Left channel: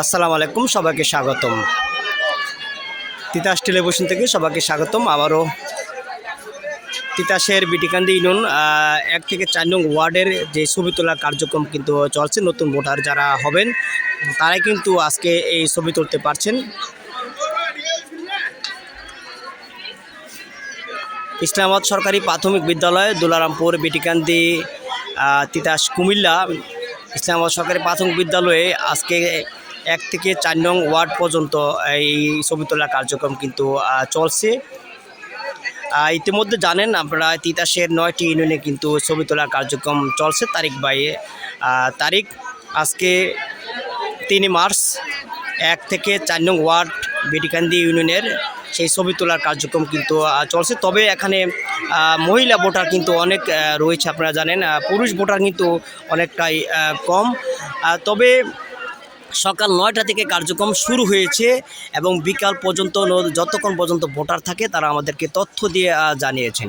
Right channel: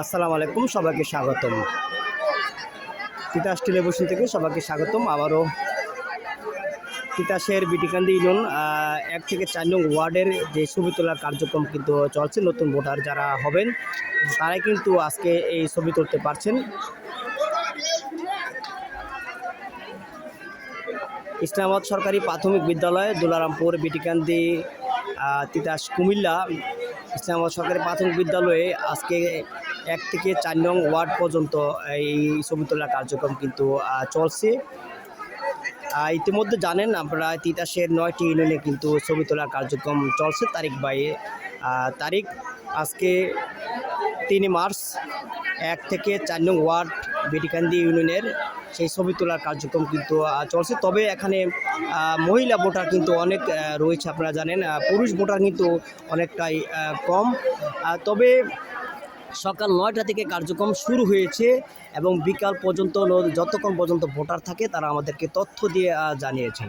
আসসালামু আলাইকুম, সবাইকে স্বাগতম। তিতাস টেলিভিশন থেকে সবাইকে স্বাগতম। আবারও তিতাসের বিটিকান্দি ইউনিয়ন এক থেকে চার নং ওয়ার্ডের যে ছবি তোলা কার্যক্রম কিন্তু চলছে, নতুন ভোটার যারা হবেন, তারাই কিন্তু আজকে এই ছবি তুলতে পারছেন। ইসলামাবাদ সরকারি প্রাথমিক বিদ্যালয়, দুলারামপুর বিটিকান্দি তিতাস কুমিল্লা ইসলামাবাদ সরকারি প্রাথমিক বিদ্যালয়ে আজকে এক থেকে চার নং ওয়ার্ড পর্যন্ত এই ছবি তোলা কার্যক্রম কিন্তু চলছে। ইতিমধ্যে জানেন আপনারা তিতাসের নয়টি ইউনিয়নে কিন্তু ছবি তোলা কার্যক্রম চলছে তারিখ বাইয়ে। তারিখ আজকে তিন মার্চ, এক থেকে চার নং ওয়ার্ড বেটিকান্দি ইউনিয়নের সেই ছবি তোলার কার্যক্রম কিন্তু চলছে। তবে এখানে মহিলা ভোটার কিন্তু অনেক রয়েছে আপনারা জানেন। পুরুষ ভোটার কিন্তু অনেকটাই কম। তবে সকাল নয়টা থেকে কার্যক্রম শুরু হয়েছে এবং বিকাল পর্যন্ত যতক্ষণ পর্যন্ত ভোটার থাকে, তারা আমাদেরকে তথ্য দিয়ে জানিয়েছেন।